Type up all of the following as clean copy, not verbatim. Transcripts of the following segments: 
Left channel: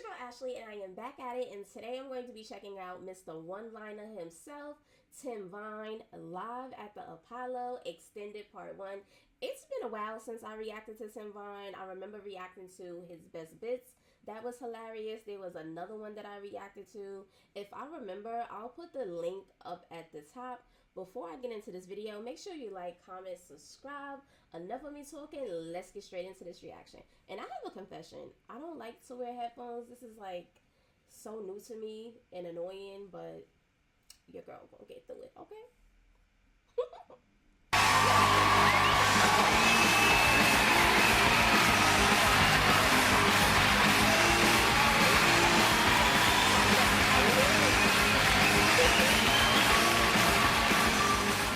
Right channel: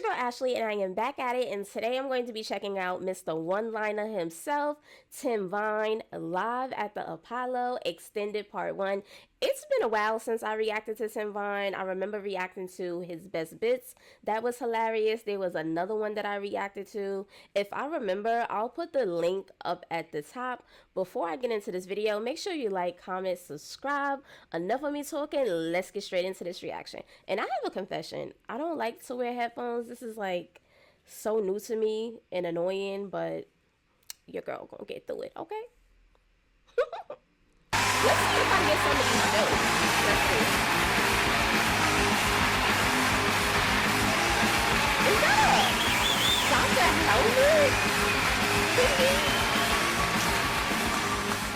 your girl Ashley, and I am back at it. And today I'm going to be checking out Mr. One-Liner himself, Tim Vine, live at the Apollo, extended part 1. It's been a while since I reacted to Tim Vine. I remember reacting to his best bits. That was hilarious. There was another one that I reacted to. If I remember, I'll put the link up at the top. Before I get into this video, make sure you like, comment, subscribe. Enough of me talking. Let's get straight into this reaction. And I have a confession. I don't like to wear headphones. This is like so new to me and annoying, but your girl gonna get through it, okay?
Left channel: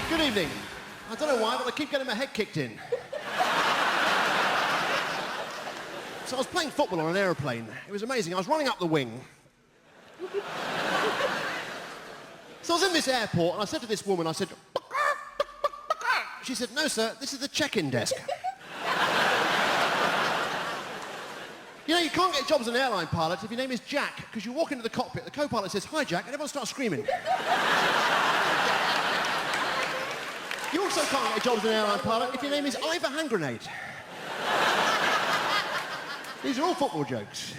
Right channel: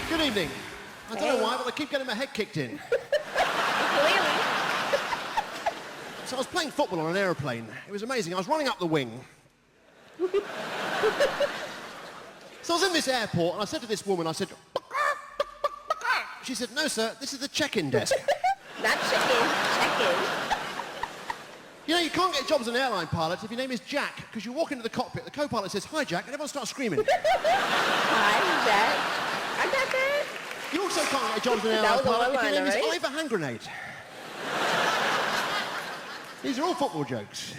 Good evening. I don't know why, but I keep getting my head kicked in. So I was playing football on an aeroplane. It was amazing. I was running up the wing. So I was in this airport, and I said to this woman, I said, she said, no, sir, this is the check-in desk. You know, you can't get jobs as an airline pilot if your name is Jack, because you walk into the cockpit, the co-pilot says, hi, Jack, and everyone starts screaming. You also can't get jobs as an airline pilot if your name is Ivor Hand Grenade. These are all football jokes.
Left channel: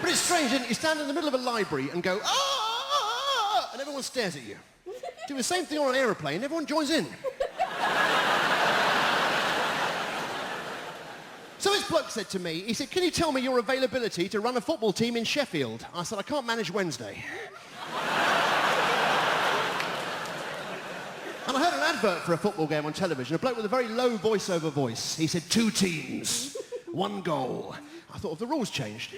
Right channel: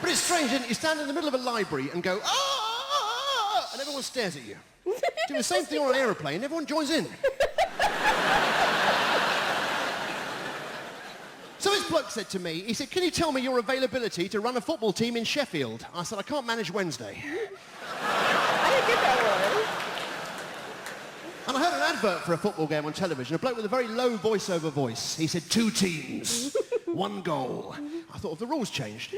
But it's strange, isn't it? You stand in the middle of a library and go, ah, and everyone stares at you. Do the same thing on an aeroplane, everyone joins in. So this bloke said to me, he said, can you tell me your availability to run a football team in Sheffield? I said, I can't manage Wednesday. And I heard an advert for a football game on television, a bloke with a very low voiceover voice. He said, 2 teams, 1 goal. I thought, if the rules changed.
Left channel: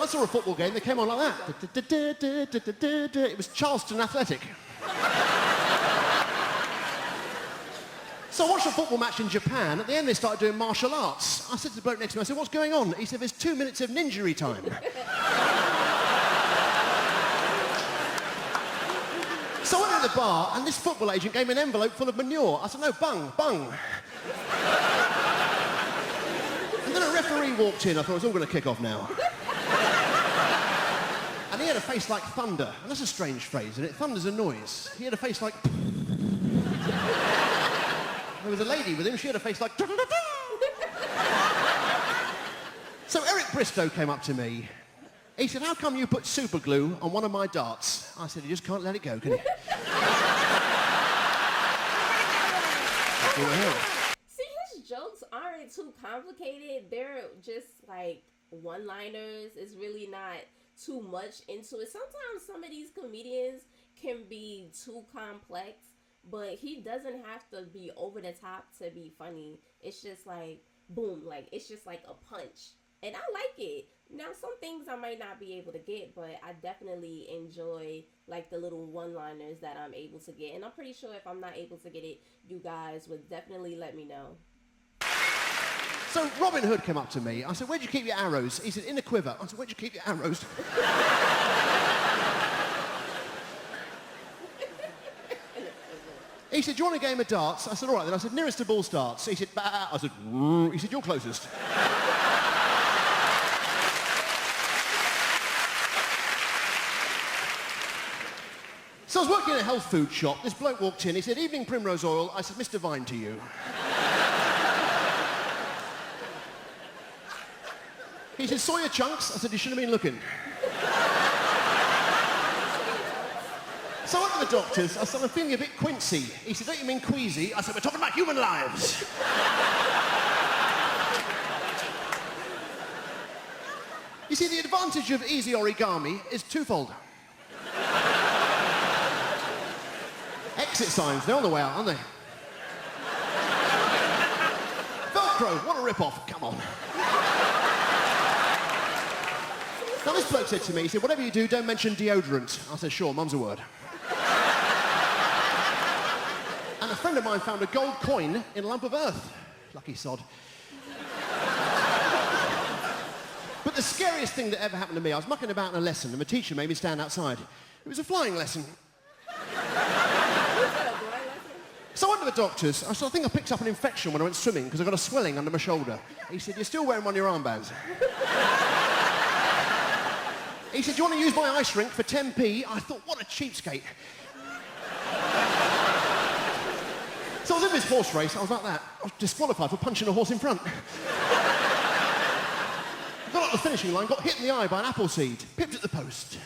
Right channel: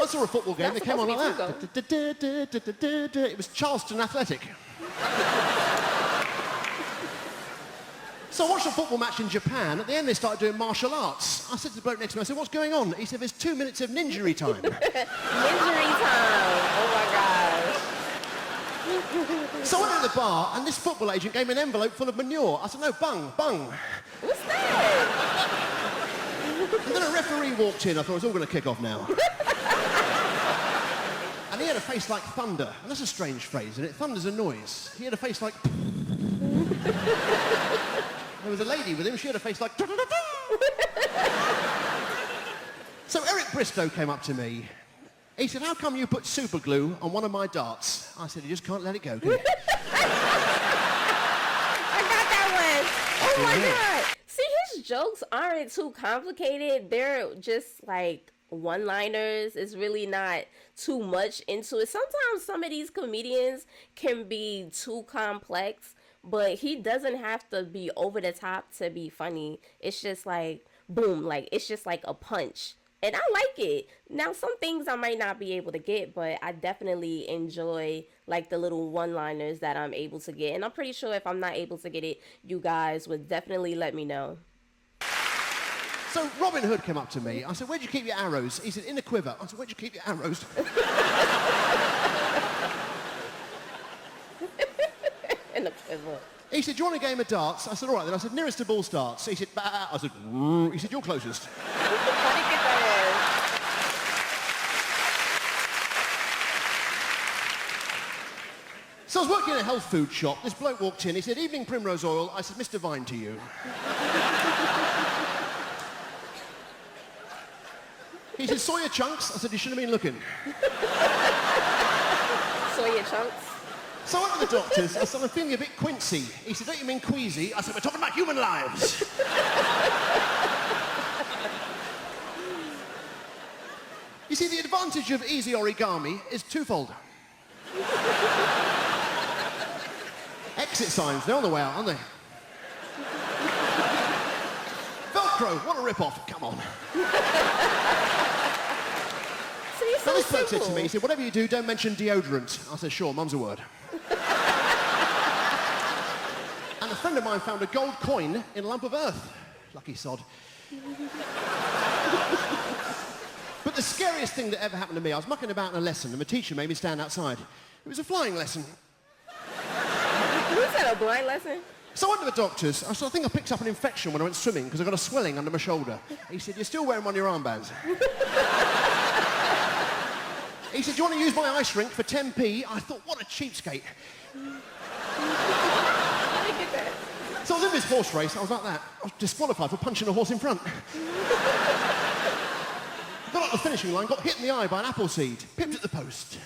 I saw a football game, they came on like that. It was Charleston Athletic. So I watched a football match in Japan. At the end, they started doing martial arts. I said to the bloke next to me, I said, what's going on? He said, there's 2 minutes of ninjury time. So I went to the bar, and this football agent gave me an envelope full of manure. I said, no, bung, bung. And then a referee walked in. I thought, it's all going to kick off now. And he had a face like thunder. And that's a strange phrase, isn't it? Thunder's a noise. He had a face like... There was a lady with him. She had a face like... So Eric Bristow came up to me. He said, how come you put super glue on one of my darts? I said, you just can't let it go, can you? See, his jokes aren't too complicated. They're just like one-liners. It's really not too much into it. Sometimes some of these comedians can be too complex, but he doesn't have to be over the top to be funny. It's just like, boom, like, it's just like a punch. And I like it. Now, some things I might not be able to get, but I definitely enjoy, like, the little one-liners that I'm able to get. And I'm pretty sure if I'm not able to get it, you guys would definitely let me know. So Robin Hood came up to me. I said, where'd you keep your arrows? He said, in the quiver. I said, where'd you keep your arrows? In the quiver. He said, do you want a game of darts? I said, all right then. I said, nearest to ball starts. He said, bah. I said, he said, you're closest. So I was working in a health food shop. This bloke walked in. He said, evening Primrose Oil. I said, Mr. Vine to you. He said, saw your chunks? I said, you shouldn't have been looking. Saw your chunks? So I went to the doctors. I said, I'm feeling a bit quincy. He said, don't you mean queasy? I said, we're talking about human lives. You see, the advantage of easy origami is twofold. Exit signs, they're on the way out, aren't they? Velcro, what a rip-off, come on. Now this bloke said to me, he said, whatever you do, don't mention deodorant. I said, sure, mum's a word. And a friend of mine found a gold coin in a lump of earth. Lucky sod. But the scariest thing that ever happened to me, I was mucking about in a lesson and the teacher made me stand outside. It was a flying lesson. Was that a blind lesson? So I went to the doctor's. I said, I think I picked up an infection when I went swimming because I got a swelling under my shoulder. He said, you're still wearing one of your armbands. He said, do you want to use my ice rink for 10p? I thought, what a cheapskate. So I was in this horse race. I was like that. I was disqualified for punching a horse in front. I got up the finishing line, got hit in the eye by an apple seed, pipped at the post.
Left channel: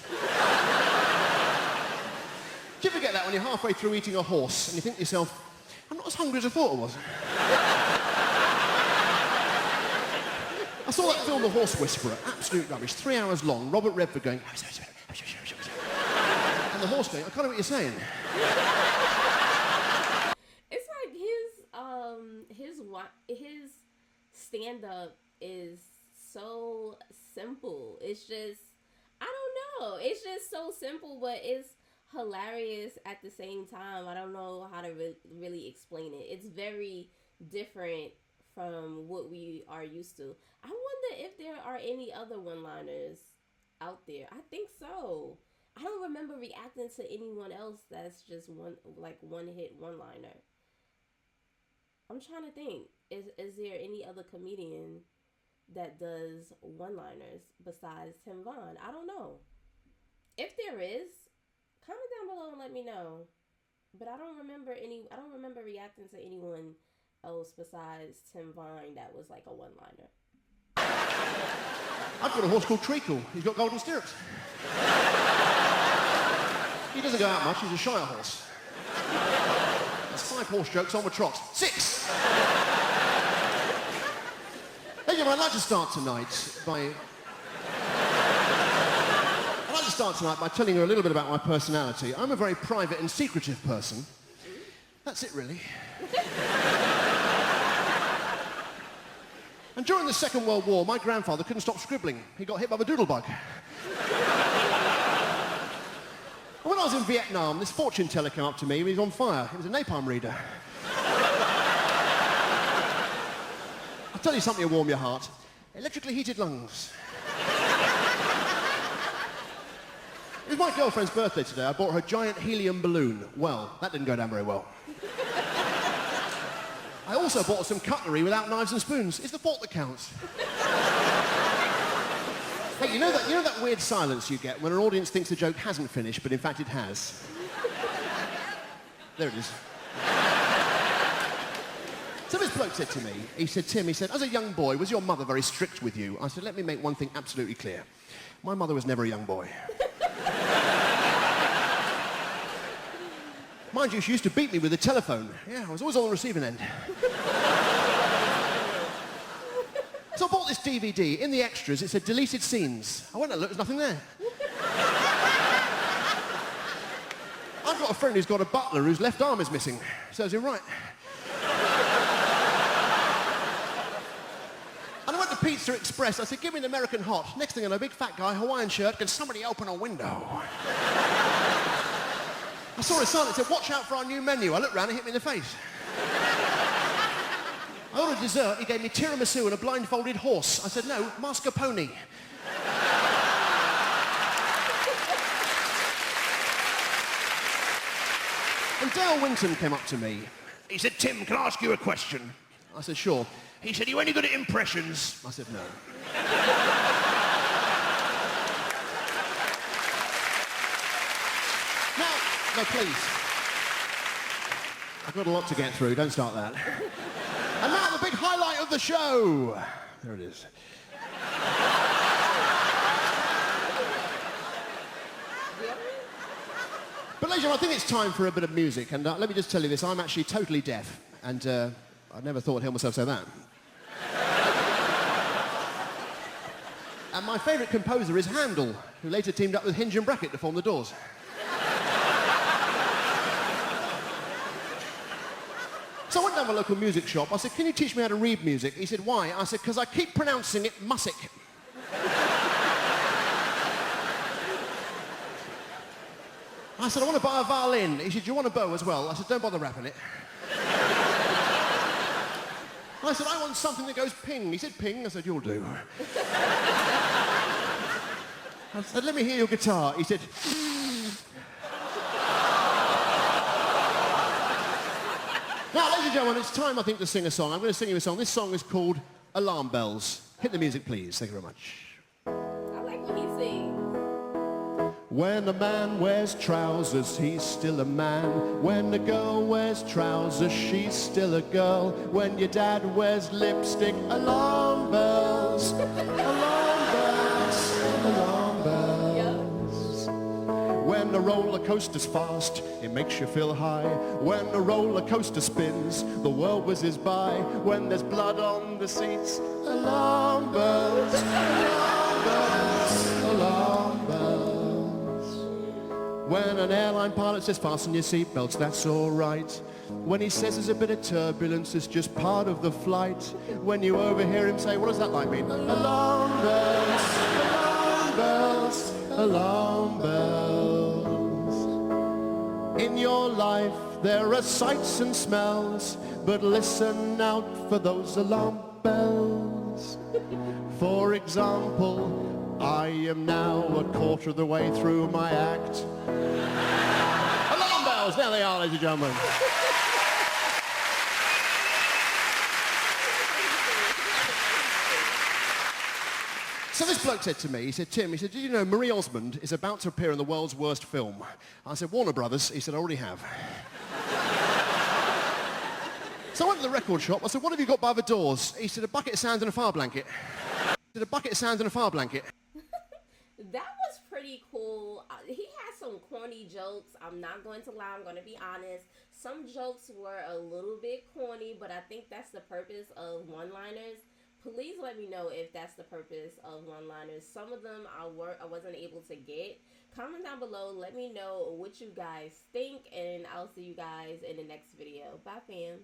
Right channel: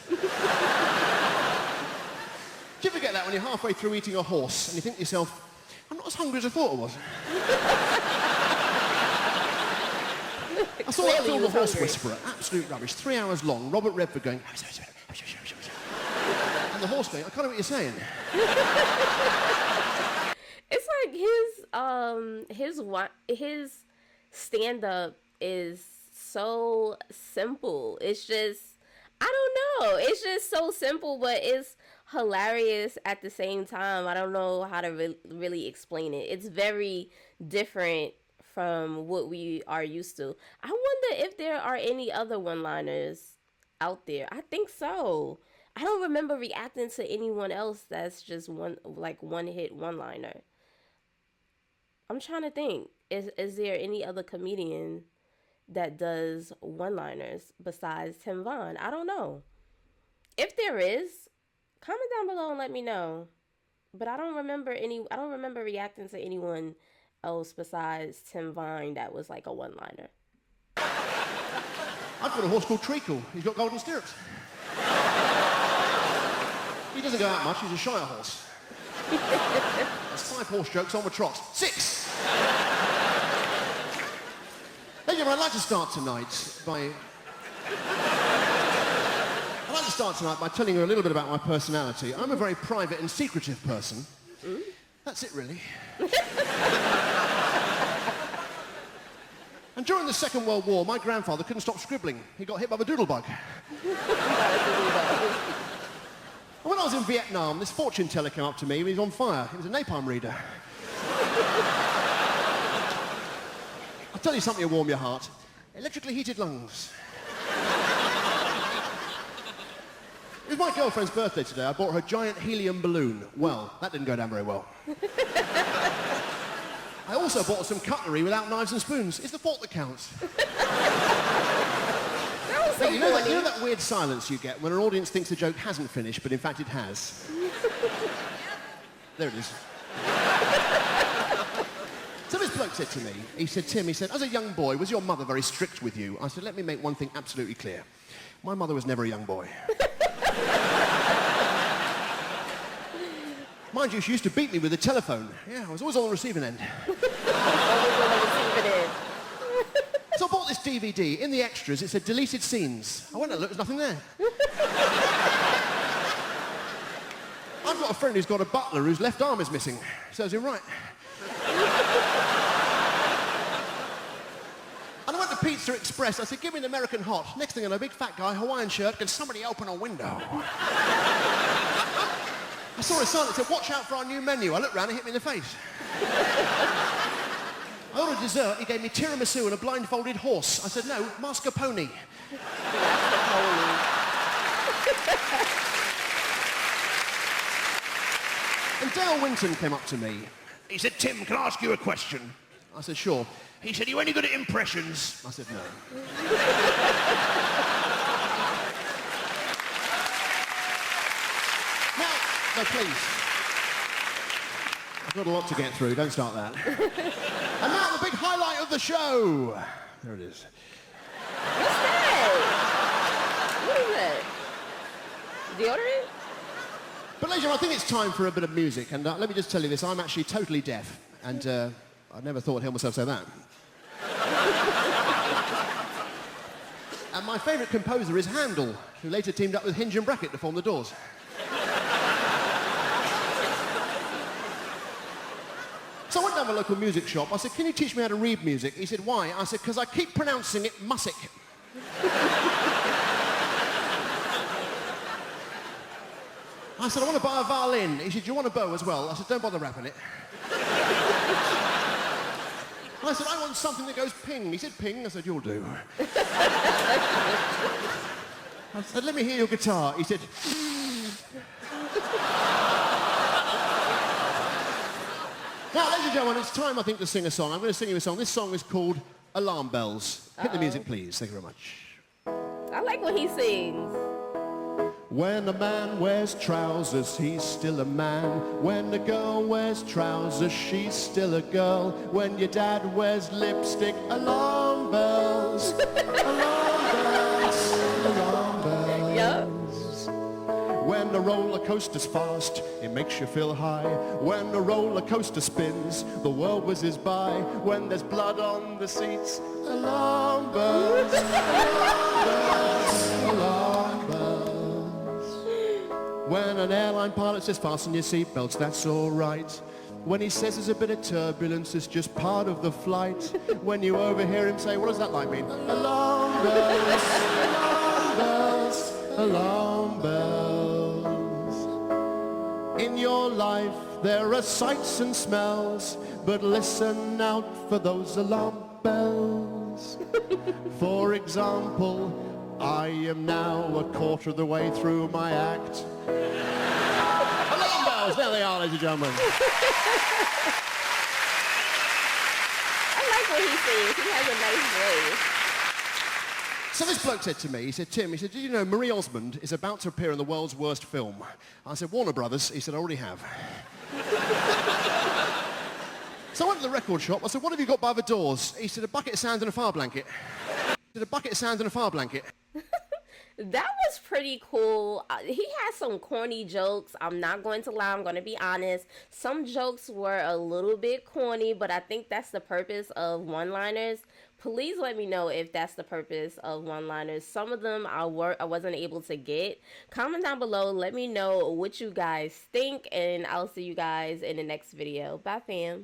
Do you ever get that when you're halfway through eating a horse and you think to yourself, I'm not as hungry as I thought I was? I saw that film, The Horse Whisperer, absolute rubbish, 3 hours long, Robert Redford going, and the horse going, I can't know what you're saying. It's like his stand-up is so simple. It's just, I don't know. It's just so simple, but it's hilarious at the same time. I don't know how to really explain it. It's very different from what we are used to. I wonder if there are any other one-liners out there. I think so. I don't remember reacting to anyone else that's just one-hit one-liner. I'm trying to think. Is there any other comedian that does one-liners besides Tim Vaughn? I don't know. If there is, comment down below and let me know. But I don't remember reacting to anyone else besides Tim Vine that was like a one-liner. I've got a horse called Treacle. He's got golden stirrups. He doesn't go out much. He's a shire horse. That's 5 horse jokes on with trot. 6! Hey, I'd like to start tonight by telling you a little bit about my personality. I'm a very private and secretive person. That's it, really. And during the Second World War, my grandfather couldn't stop scribbling. He got hit by the doodlebug. And when I was in Vietnam, this fortune teller came up to me. He was on fire. He was a napalm reader. I'll tell you something to warm your heart. Electrically heated lungs. It was my girlfriend's birthday today. I bought her a giant helium balloon. Well, that didn't go down very well. I also bought some cutlery without knives and spoons. It's the thought that counts. Hey, you know that weird silence you get when an audience thinks the joke hasn't finished, but in fact it has? There it is. So this bloke said to me, he said, Tim, as a young boy, was your mother very strict with you? I said, let me make one thing absolutely clear. My mother was never a young boy. Mind you, she used to beat me with a telephone. Yeah, I was always on the receiving end. So I bought this DVD. In the extras, it said deleted scenes. I went and looked, there's nothing there. I've got a friend who's got a butler whose left arm is missing. Serves him right. And I went to Pizza Express. I said, give me an American hot. Next thing I know, big fat guy, Hawaiian shirt. Can somebody open a window? I saw a sign that said, watch out for our new menu. I looked round and hit me in the face. I ordered dessert. He gave me tiramisu and a blindfolded horse. I said, no, mascarpone. And Dale Winton came up to me. He said, Tim, can I ask you a question? I said, sure. He said, are you any good at impressions? I said, no. No, please. I've got a lot to get through. Don't start that. And now the big highlight of the show. There it is. Deodorant? But ladies and gentlemen, I think it's time for a bit of music. And let me just tell you this. I'm actually totally deaf. And I never thought I'd hear myself say that. And my favourite composer is Handel, who later teamed up with Hinge and Brackett to form the Doors. So I went down to a local music shop. I said, can you teach me how to read music? He said, why? I said, because I keep pronouncing it music. I said, I want to buy a violin. He said, do you want a bow as well? I said, don't bother wrapping it. I said, I want something that goes ping. He said, ping. I said, you'll do. I said, let me hear your guitar. He said, Now, ladies and gentlemen, it's time, I think, to sing a song. I'm going to sing you a song. This song is called Alarm Bells. Hit the music, please. Thank you very much. I like what he sings. When a man wears trousers, he's still a man. When a girl wears trousers, she's still a girl. When your dad wears lipstick, alarm bells, alarm bells, alarm bells. When the roller coaster's fast, it makes you feel high. When the roller coaster spins, the world whizzes by. When there's blood on the seats, alarm bells, alarm bells, alarm bells. When an airline pilot says fasten your seatbelts, that's all right. When he says there's a bit of turbulence, it's just part of the flight. When you overhear him say, what does that line mean? Alarm bells, alarm bells, alarm bells. In your life there are sights and smells, but listen out for those alarm bells. For example, I am now a quarter of the way through my act. Alarm bells, there they are, ladies and gentlemen. I like what he sings. He has a nice voice. So this bloke said to me, he said, Tim, he said, did you know Marie Osmond is about to appear in the world's worst film? I said, Warner Brothers. He said, I already have. So I went to the record shop. I said, what have you got by the doors? He said, a bucket of sand and a fire blanket. He said, a bucket of sand and a fire blanket. That was pretty cool. He had some corny jokes. I'm not going to lie. I'm going to be honest. Some jokes were a little bit corny, but I think that's the purpose of one-liners. Please let me know if that's the purpose of one-liners. Some of them I wasn't able to get. Comment down below. Let me know what you guys think, and I'll see you guys in the next video. Bye, fam.